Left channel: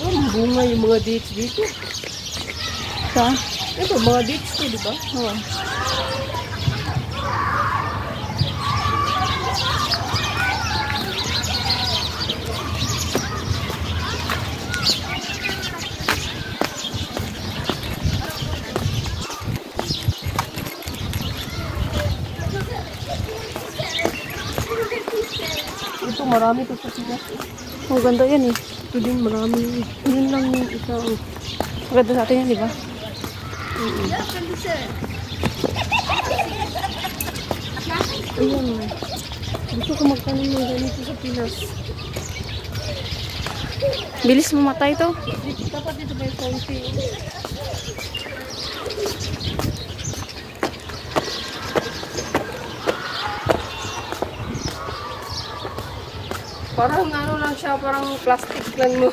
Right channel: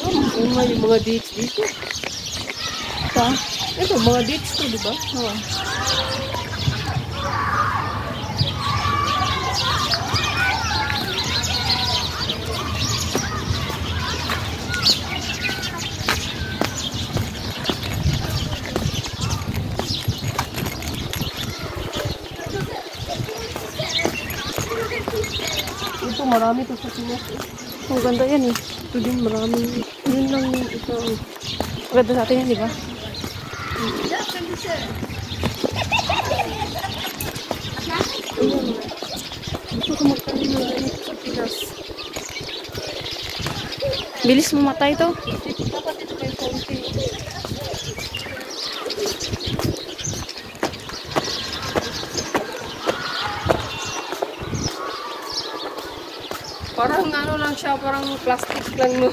Bunga yung mga dates dito. Sa? Ito, mga dates to, di ba? Oo. Ito, marami to sa Pinas. Ang ganda yan eh. Ito din, marami. Yun lang yung isang... Maganda sa atin yan, di ba? Ayan na. Gusto ko magtanim ng ganito sa Pinas. Bilis mamatay to. Dapat ito kayo konti. Parang ano lang siya, parang plastic lang mo.